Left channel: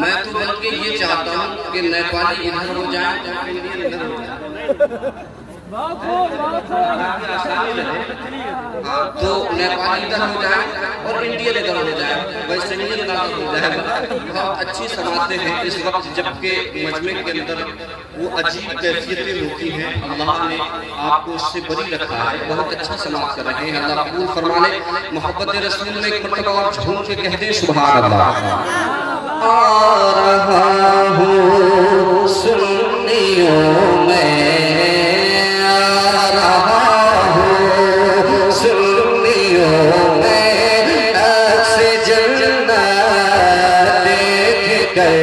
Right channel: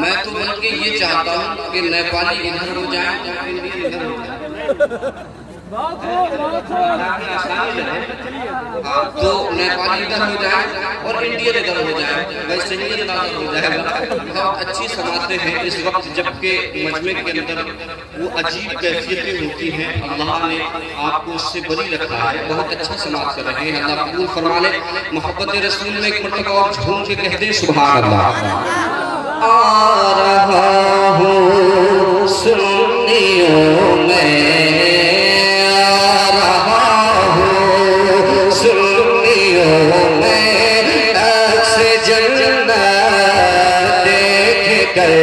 मैं तो बल्कि ये चाहता हूँ कि नेपाली इधर हो जाए, इधर हो जाए। तो नेपाली इधर हो जाए और इंडियन इधर हो जाए, वैसे ही हो जाए। बहुत अच्छी समाते हैं इस वक्त, जबकि मजमे के अंदर वो अजीब कैफियतें होती हैं। अल्लाह ने आपको उससे बरी रखा है, बहुत अच्छा समाप्त कर रहे हैं। अल्लाह कबूल फरमा ले। मोहब्बत रसूल में एक मरतबा और झूम के कह दे सुभान अल्लाह। आ रहा हूँ सुन्नियों में, आ रहा हूँ सुन्नियों में, अक्स जन्नत देख कर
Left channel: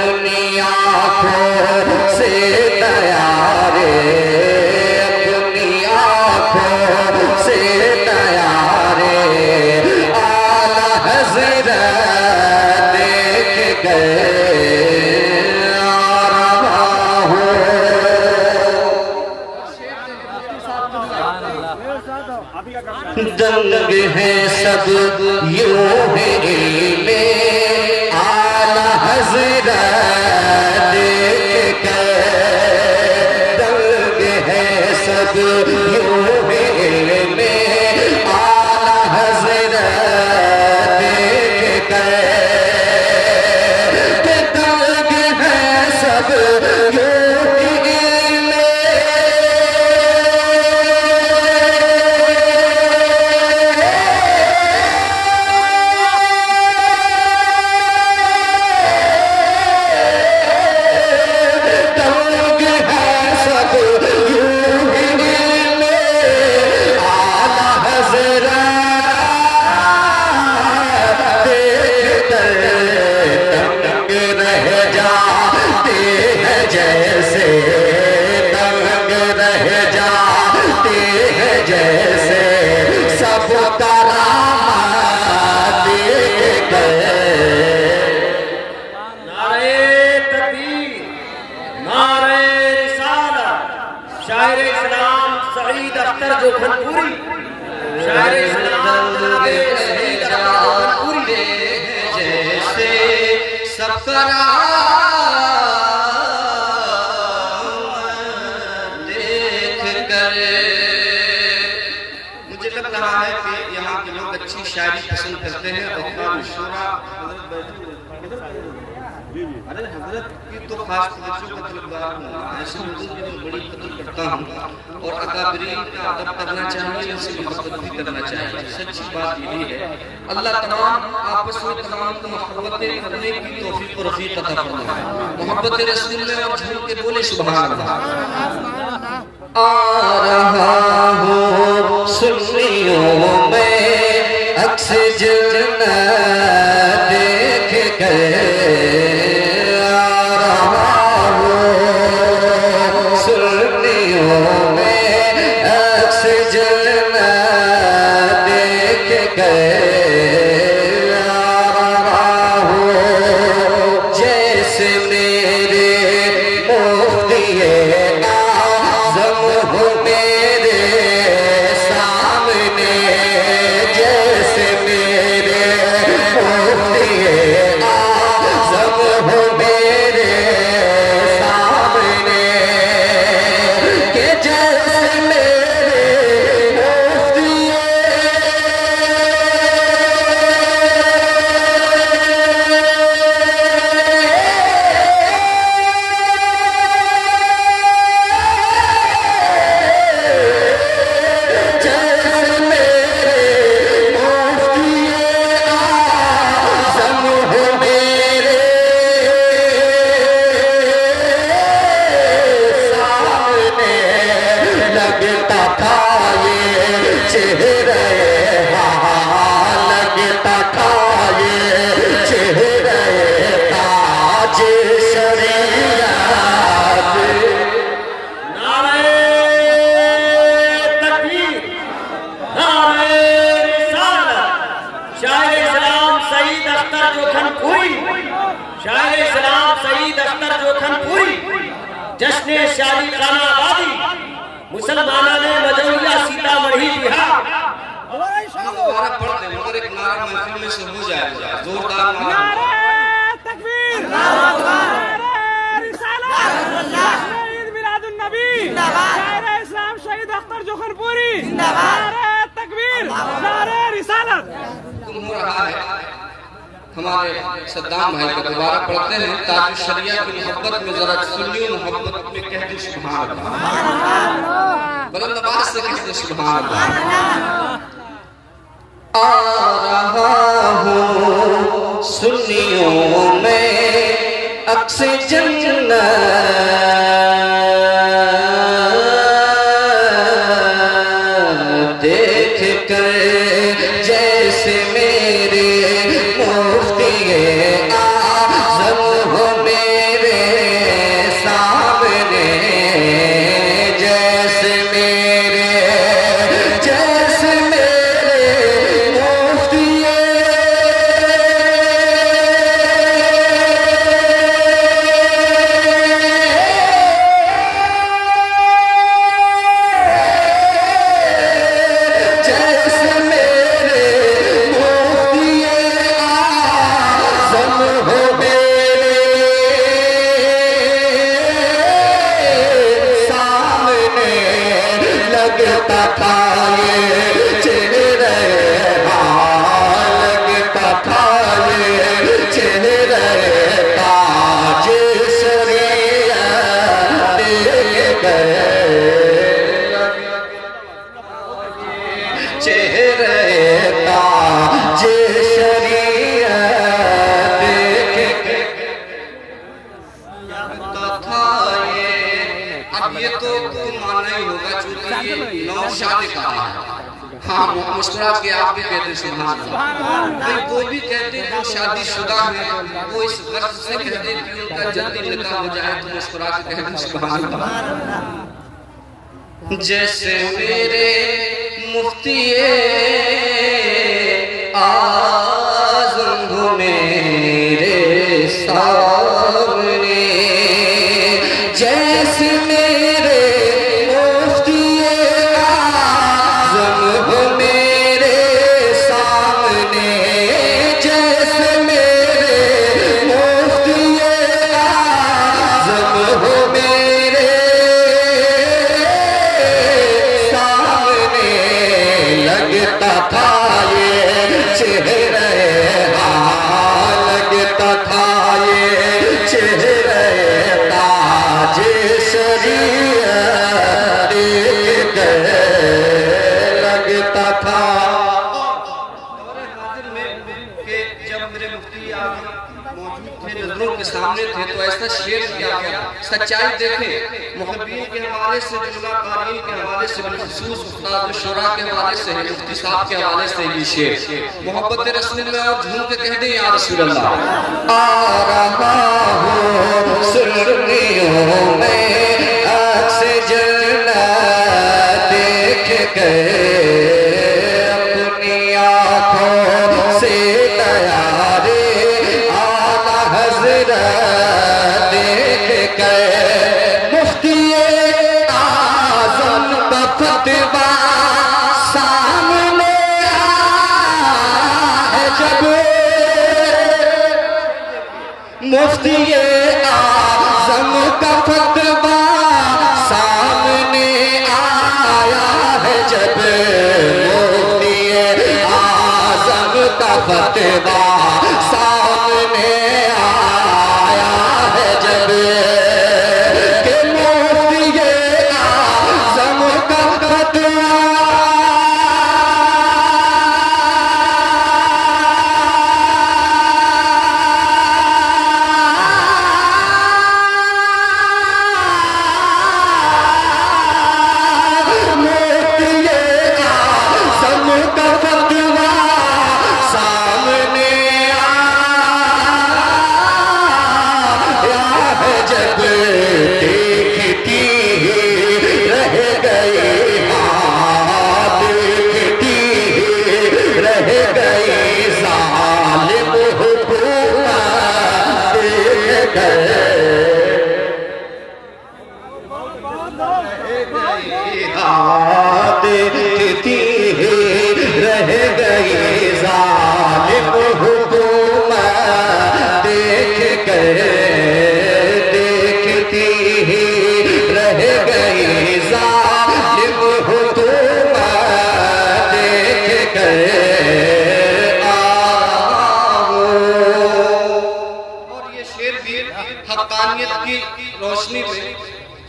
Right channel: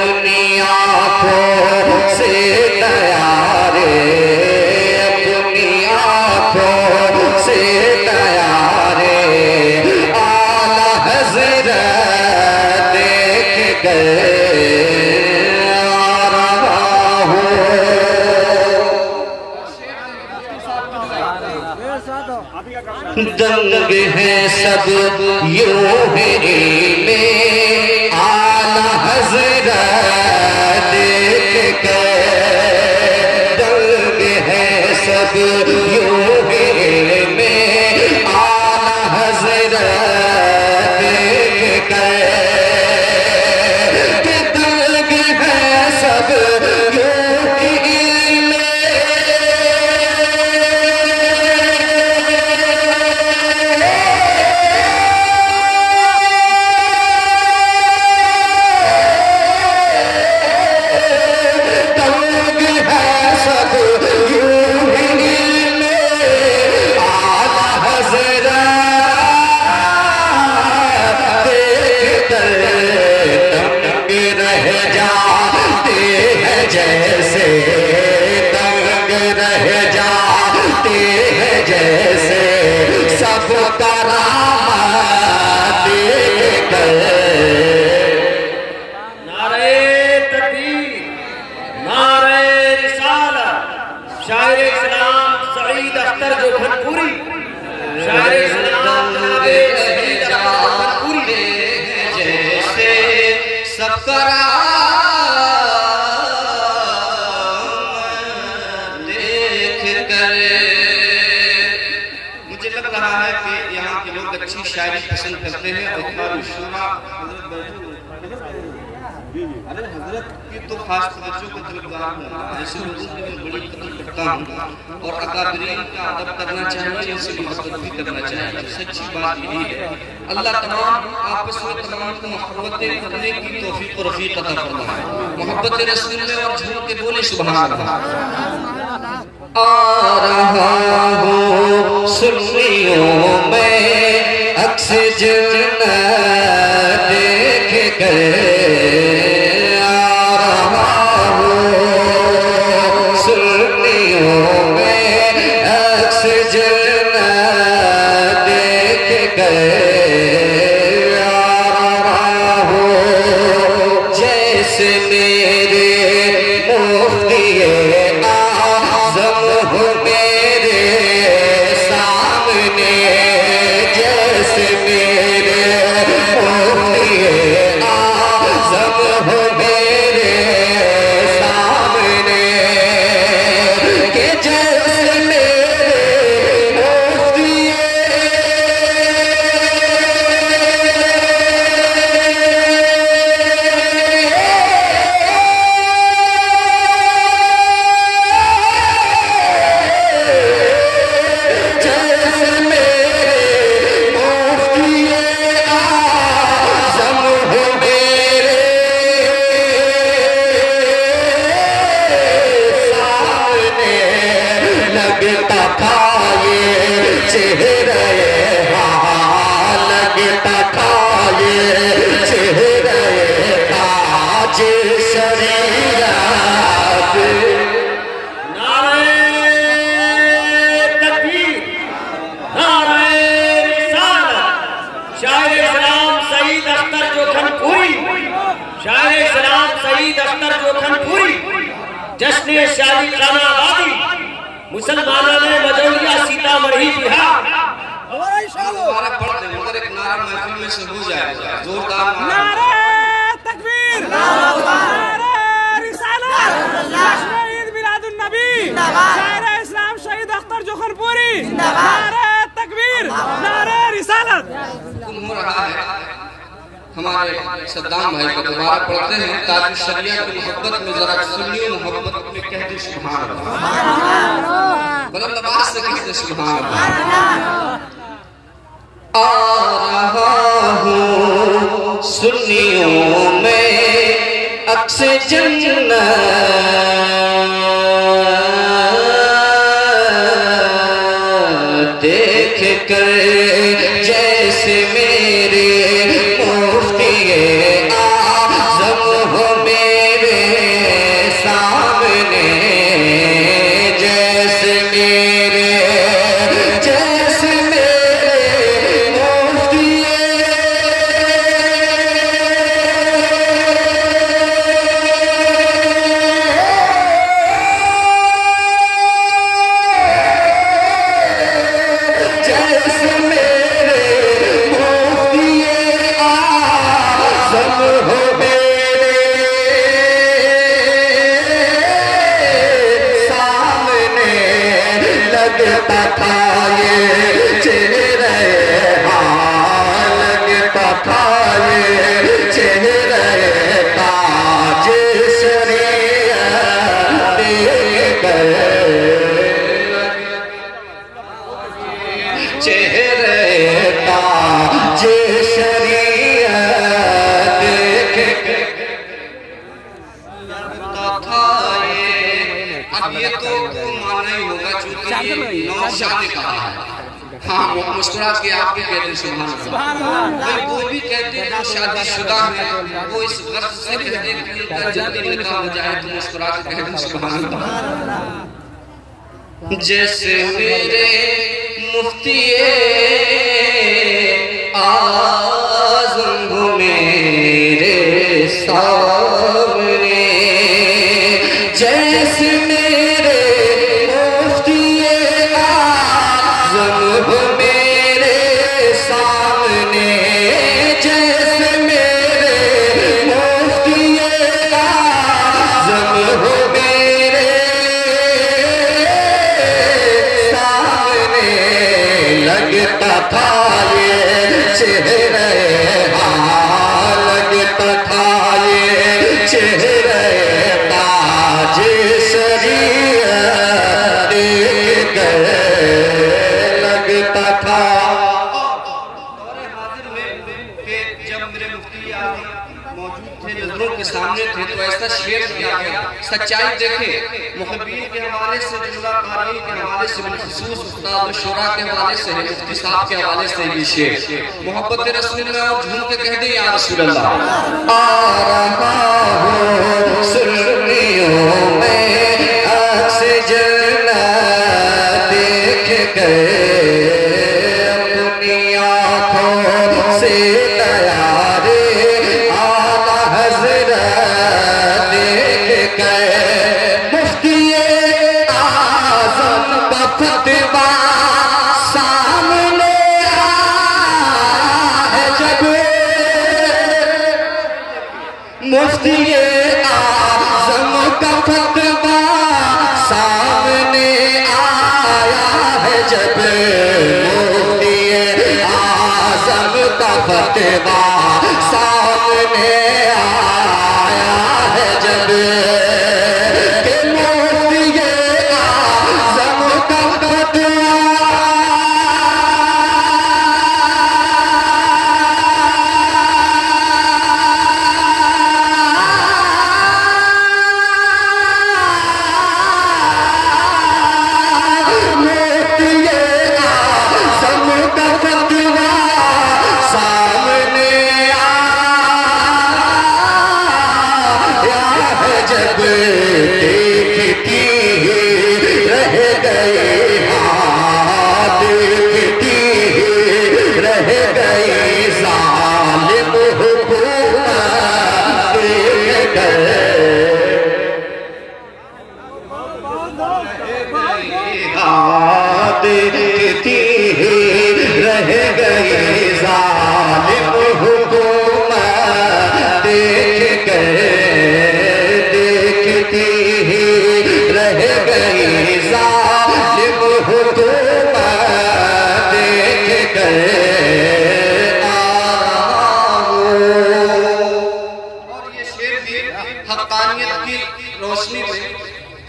अपनी आँखों से तैयारे, अपनी आँखों से तैयारे, आला हज़रत देख कर दंग है सब यूं है आला हज़रत देख कर, दंग है सब यूं है आला हज़रत देख कर, दंग है सब जैसे दंग रह जाते हैं, जैसे सब करामात देख गए। नारे तकबीर, नारे रिसालत, शायर इस्लाम सईद अख्तर जोधपुरी, शायर इस्लाम जनाब शहीद अख्तर जोधपुरी, जैसे सब करा अच्छी शायरी पसंद करते हैं। अरे हजरत की तो खास तवज्जो का तलबगार हूँ, ऐसे लोगों की मैं बड़ी कदर करता हूँ और अकाबरीन का अदब करना चाहिए, उनसे मोहब्बत भी करना चाहिए। सच्ची बात यही है। अल्लाह तमाम आपस में तमाम को मोहब्बतें करने की तौफीक और रफ़ीक अता फरमाए। मोहब्बत रसूल में और झूम के बोले सुभान अल्लाह। आ रहा हूँ सुन्नियों में, अक्स जन्नत देख कर, आ रहा हूँ सुन्नियों में, अक्स जन्नत देख कर हो, जैसे मेरे मुफ्तिए आज़म हो मेरे सामने, जैसे मेरे मुफ्तिए आज़म हो मेरे सामने, के जैसे लगता था ये चेहरे, लगता था ये चेहरे ताज शरीयत। नारे तकबीर, नारे रिसालत। शायर इस्लाम सईद अख्तर जोखनपुरी, शायर इस्लाम सईद अख्तर जोखनपुरी, जश्न शादी खाना आबादी, मुसलमानों ने मजौलिया सीतामढ़ी बिहार। मुबारक पढ़ते हैं मगर एक नारा महफिल में से हो जाएगा जोरदार नारा। तकबीर, नारे रिसालत, शहीद मिलादुन नबी, नारे इस्लाम शहीद अख्तर जोखनपुरी, नारे तकबीर, नारे रिसालत। हो रहा है हमारे सद्दाम भाई को दोबारा पढ़ते हैं ताकि शरीयत की मोहब्बत में जरा सुन्नी मोहब्बत में कह दे सुभान अल्लाह, बुलंद आवाज से कह दे सुभान अल्लाह। आ रहा हूँ सुन्नियों में अक्स जन्नत देख कर, जैसे मेरे मुफ्तिए आज़म हो मेरे सामने, जैसे मेरे मुफ्तिए लगता था ये चेहरे, लगता था ये चेहरे ताज शरीयत देख कर, चेहरे ताज शरीयत देख कर लगता था ये। अब ये तो माना ही होगा चूंकि ये नौशाद कहा है। हाँ मुस्कुरा के आप भी कहते सुभान अल्लाह, वो भी कहते जो शादीशुदा है वो इस गर्ज से कहते कि उनका जल्दी निकाह हो जाए तो मुस्कुरा के कहते सुभान अल्लाह। जैसे मेरे मुफ्तिए आज़म हो मेरे सामने, जैसे मेरे मुफ्तिए आज़म हो मेरे सामने, जैसे मेरे मुफ्तिए आज़म हो मेरे सामने, लगता था ये चेहरे, लगता था ये चेहरे ताज शरीयत देख कर, लगता था दौरे हाजिर में कि जब मेरे मुफ्ती आज़म मौजूद थे, नजरों के सामने थे, तो ऐसा शेर किया गया। सच्चाई देखे मुहब्बीन के हवाले से, जुमला क़ारी के हवाले से, बिलखुसूस उस्ताद शुरा के हवाले से, मुफ्ती साहब के हवाले से भी शेर मोहब्बत रसूल में और झूम के कह दे या रसूल अल्लाह। आ रहा हूँ सुन्नियों में अक्स जन्नत देख कर, अपनी आँखों से तैयारे आला हज़रत देख गए। मुफ्ती आज़म का फतवा सामने आया है जब, मुफ्ती आज़म का फतवा सामने आया है जब, मुफ्ती आज़म का फतवा सामने आया है जब, कि मुफ्ती आज़म का फतवा रोशनी में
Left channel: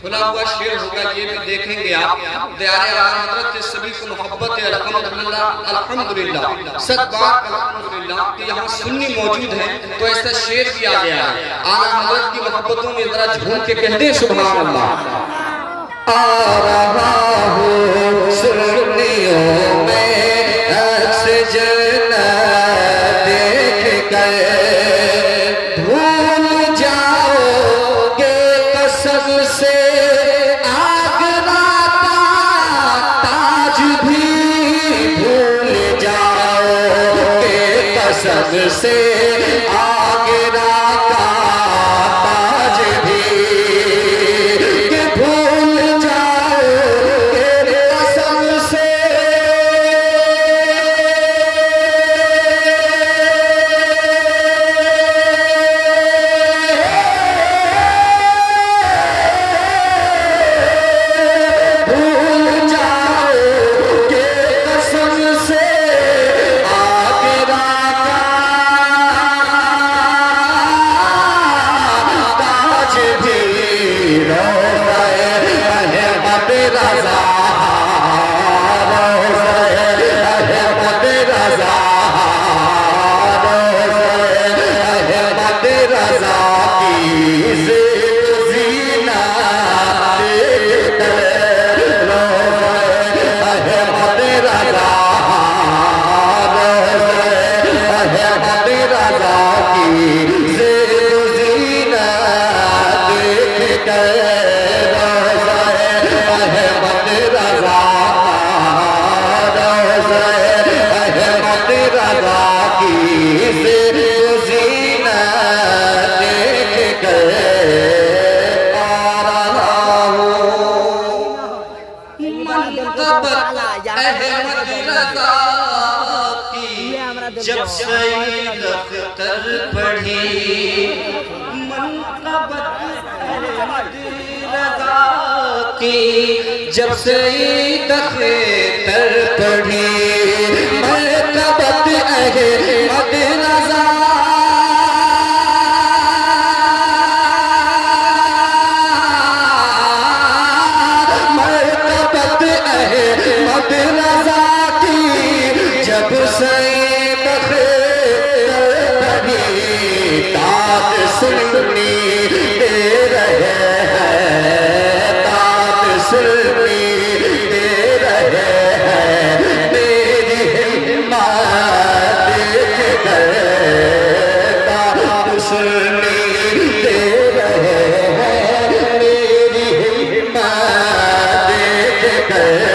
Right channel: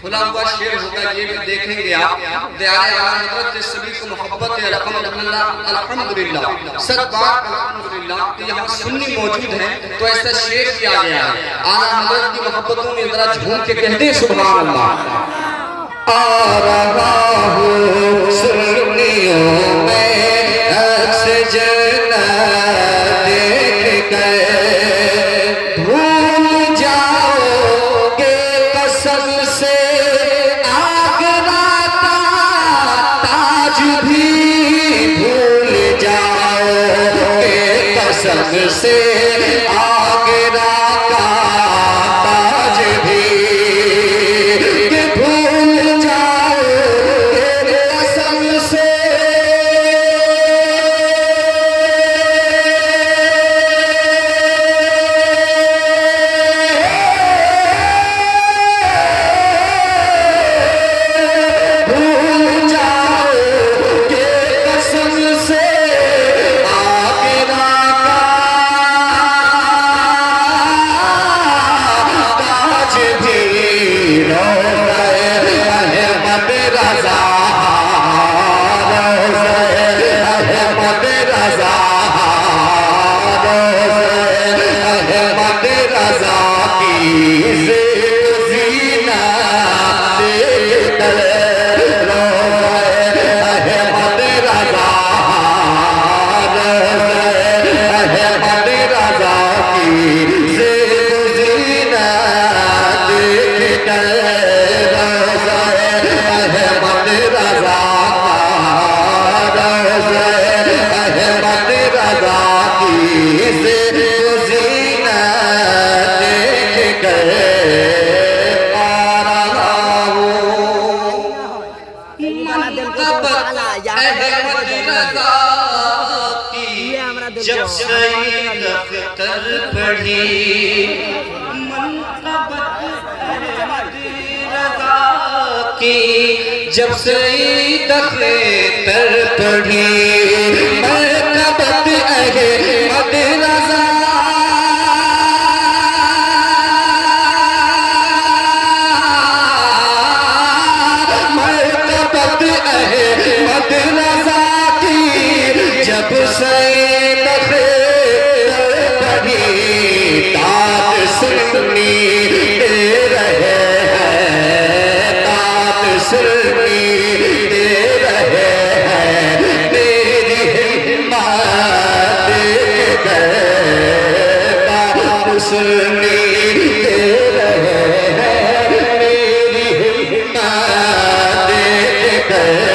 खुला हुआ शेर होगा, ये भी देखेंगे आप। दयाल हज़रत सभी को मोहब्बत है अल्हम्दुलिल्लाह अल्हम्दुलिल्लाह सच बात अल्हम्दुलिल्लाह कि यहाँ सुन्नी मौजूद है तो ऐसा शेर किया गया है। आला हज़रत की मोहब्बतों में जरा झूम के कह दे सुभान अल्लाह। आ रहा हूँ सुन्नियों में अक्स जन्नत देख गए, भूल जाओगे कसम से आगरा का ताज भी, भूल जाओगे कसम से आगरा का ताज भी, कि भूल जाओगे कसम से जब सईद अख्तर पढ़ी मनक़बत अहमद रज़ा की, जब सईद अख्तर पढ़ी मनक़बत अहमद रज़ा, मनक़बत अहमद रज़ा की, जब सईद सुन्नी दे रहे हैं, तात सुन्नी दे रहे हैं, मेरी हिम्मत देख गए, तात सुन्नी दे रहे हैं, मेरी हिम्मत देख गए,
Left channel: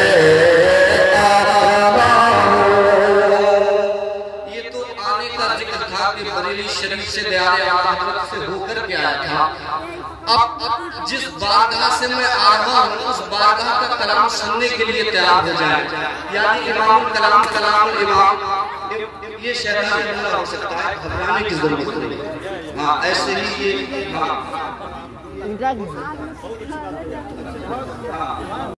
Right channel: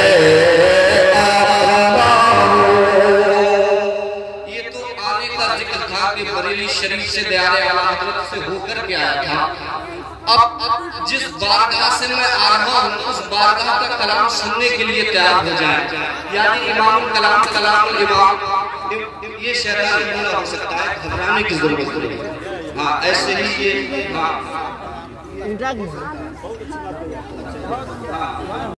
से दयारे आला हजरत से होकर के आया था। अब जिस बारगाह से मैं आ रहा हूँ उस बारगाह का कलाम सुनने के लिए तैयार हो जाए, यानी इमाम कलाम कलाम इमाम, ये शैतान जुमला हो सकता है, घबराने की जरूरत नहीं। हाँ ऐसे ही ये हाँ